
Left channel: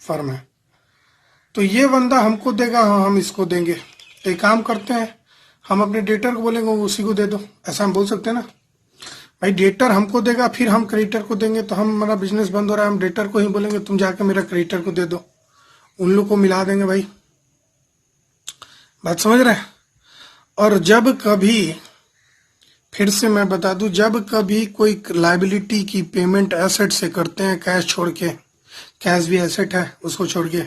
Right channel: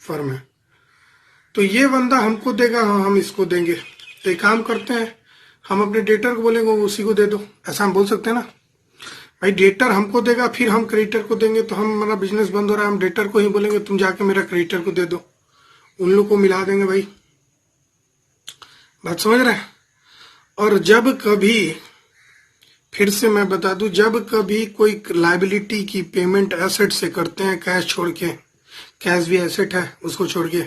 फर्म है, तो ये बंदा हमको देगा, हाँ हम इसको देंगे। तो एक काम करते हैं, हम अपने डेटर को बोलेंगे वो उसी को दे दो, ऐसा हम बोल सकते हैं ना भाई। डेटर हमको देगा फिर हम क्रेडिटर को देंगे, तो हम हमारा बिजनेस बंद हो रहा है, हम डेटर को ही बोलेंगे तुम जाके मेरा क्रेडिटर को दे दो, उन लोग को मिला देंगे भाई। बात समझ रहे हैं। और जब कभी, फिर से मैं बता दूं, जब कभी कोई लायबिलिटी की पेमेंट एसेट से करते हैं, कैश छोड़ के, कैश भी एसेट है उसको छोड़ के,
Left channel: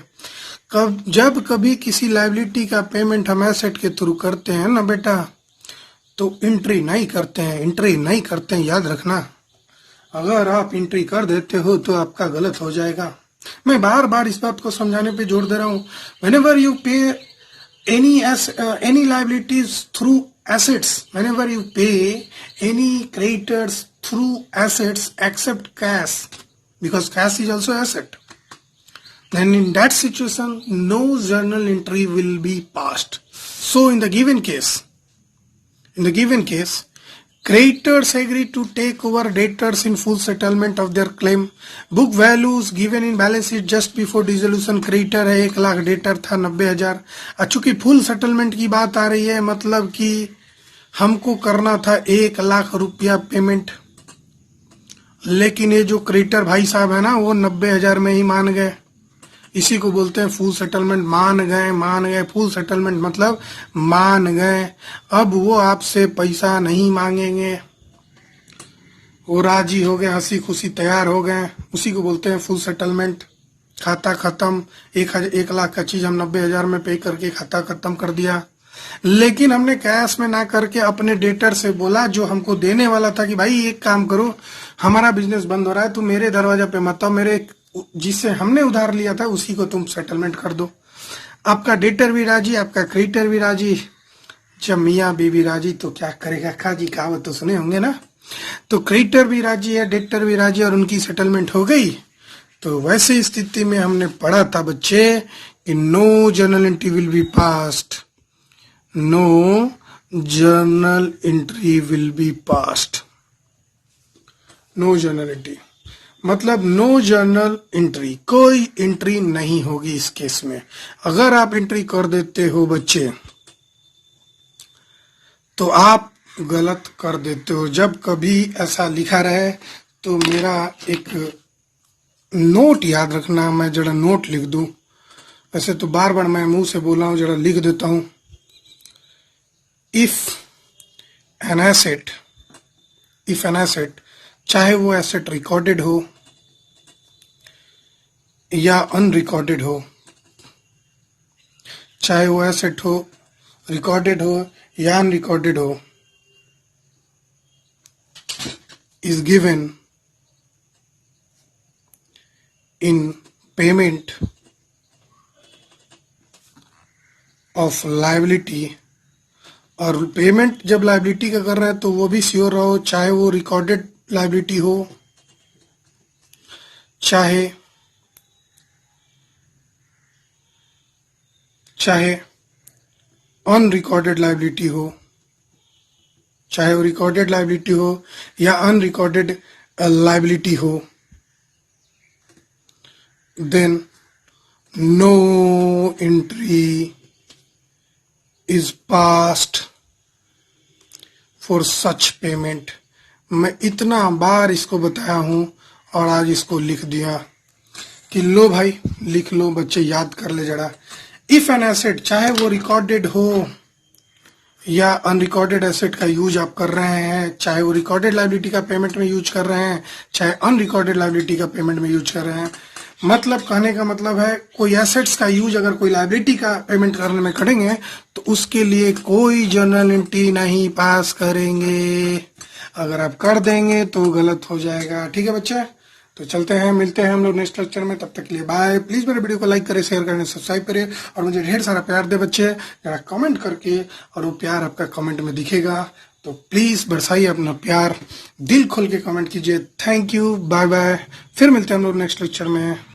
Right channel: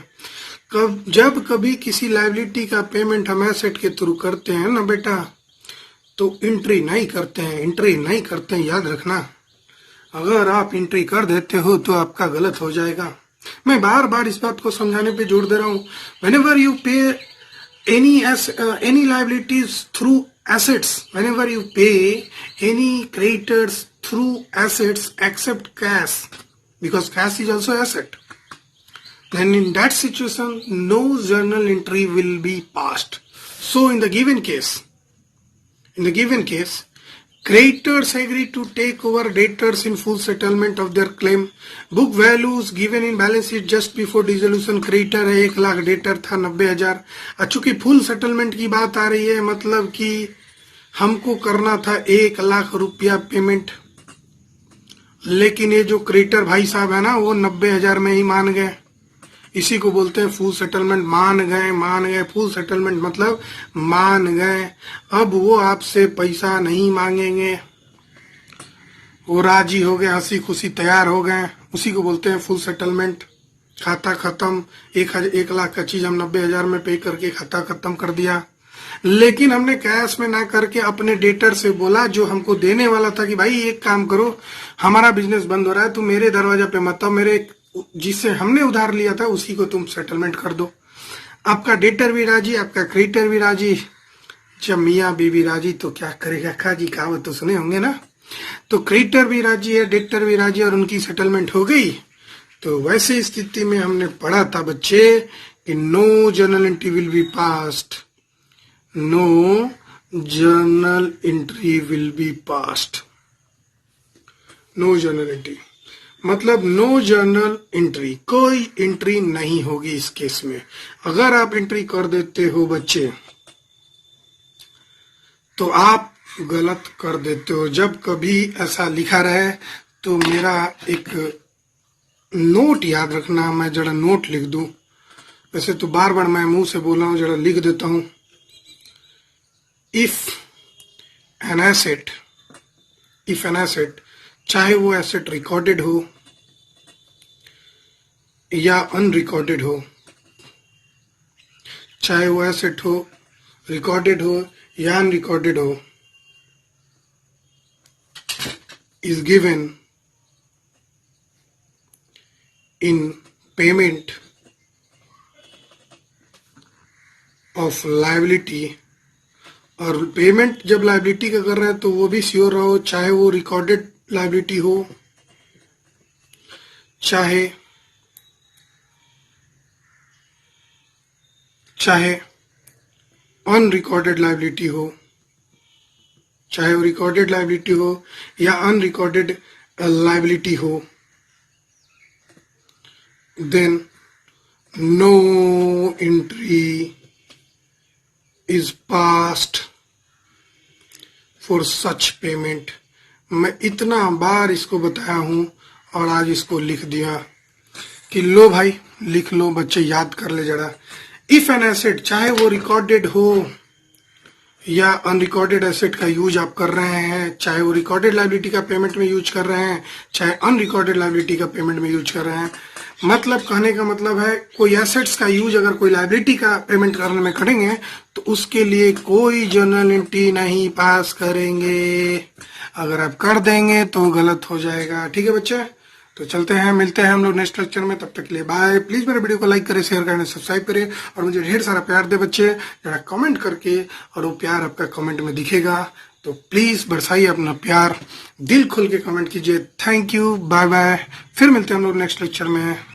जब कभी किसी लायबिलिटी का पेमेंट हम एसेट के थ्रू करते हैं ना बेटा, तो एंट्री नहीं करते हैं, एंट्री नहीं करते हैं, याद रखना। अगर आप एंट्री कर देते हो तो आपका गलत हो जाएगा। मैं बार बार इस बात को समझाने पे जोर दे रहा हूँ। व्हेनेवर यू पे any liabilities through assets, whenever you pay any creditors through assets except cash, because cash is also asset, then in that situation no journal entry will be passed. So in the given case, creditors agree to take over debtors in full settlement of their claim. Book values given in balance sheet just before dissolution, creditor है 1 lakh, debtor था 90,000। चूंकि full settlement की बात आ रही है, मतलब कि हमको करना था 1 लाख रुपया पेमेंट, लेकिन ये जो क्रेडिटर भाई साहब है ना वो 90,000 में ही मान गए। इसी को बोलते हैं फुल सेटलमेंट। मान गए, फुल सेटलमेंट मतलब मान गए। अब वो आपसे पैसा नहीं मांगेंगे, वो राजी हो गए, हंसी खुशी तैयार हो गए, उसी को बोलते हैं फुल सेटलमेंट। खाता खत्म, 1 लाख का चीज हम 90,000 में पे करके खाता खत्म कर दिया। लेकिन हमने कैश में ना करके अपने डेटर से बोला जो हमको देने वाला था कि भाई एक काम करो, हमारा बिजनेस बंद हो रहा है, तुम मेरे दरवाजा पे मत आओ, मेरे जिससे हमने उधार लिया था उसी को तुम सेटलमेंट कर दो। आपका डेटर भी राजी, आपका क्रेडिटर भी राजी। जब मियाँ बीवी राजी तो क्या करेगा खाजी, कहावत तो सुने होंगे ना। तो क्रेडिटर भी राजी है, डेटर भी राजी, और उनकी सेटलमेंट हो गई। तो वैसी स्थिति में हमने पढ़ा था बच्चे, no journal entry will be passed, no journal entry will be passed. No journal entry मतलब नो जर्नल एंट्री, कोई एंट्री नहीं होगी इस केस में। अगर आप एंट्री कर देते हो बच्चे तो आप गलत कर देते हो। जब कभी ऐसा लिखा रहे तो मेरा एक नोट याद रखना, मैं जरा नोट लिख दूं। वैसे तो बार बार मैं मुंह से बोला हूं, जरा लिख देता हूं। इफ एन एसेट, चाहे वो एसेट रिकॉर्डेड हो या अनरिकॉर्डेड हो, चाहे वो एसेट हो रिकॉर्डेड हो या अनरिकॉर्डेड हो, is given in payment of liability, और पेमेंट जब लाइबिलिटी का कर रहे हैं तो वो भी श्योर रहो, चाहे वो रिकॉर्डेड लाइबिलिटी हो चाहे अनरिकॉर्डेड लाइबिलिटी हो, चाहे वो रिकॉर्डेड लाइबिलिटी हो या अनरिकॉर्डेड लाइबिलिटी हो, then no entry is passed for such payment. मैं इतना बार इसको बताया हूं और आज इसको लिख दिया कि लो भाई लिख लो, बच्चे याद कर ले जरा। इफ एन एसेट, चाहे वो रिकॉर्डेड हो या अनरिकॉर्डेड एसेट का यूज आप कर रहे हैं, चाहे वो रिकॉर्डेड लाइबिलिटी का पेमेंट में यूज कर रहे हैं, चाहे अनरिकॉर्डेड लाइबिलिटी का पेमेंट में यूज कर रहे हैं, मतलब कहने का मतलब है कोई एसेट्स का यूज अगर कोई लाइबिलिटी का पेमेंट करने में करेंगे तो उसके लिए कोई जर्नल एंट्री नहीं पास करेंगे। अगर आप कर देंगे तो गलत हो जाएगा। ठीक है बच्चे, तो चलते हैं, मिलते हैं हम लोग नेक्स्ट लेक्चर में। तब तक के लिए बाय। प्लीज मेरे वीडियो को लाइक करें, शेयर करें, सब्सक्राइब करें और मुझे ढेर सारा प्यार दे बच्चे, जरा कमेंट करके, और वो प्यार आपका कमेंट में दिखेगा तो प्लीज बरसाइए अपना प्यार, दिल खोल के कमेंट कीजिए। Thank you, bye bye. फिर मिलते हैं हम लोग नेक्स्ट लेक्चर में।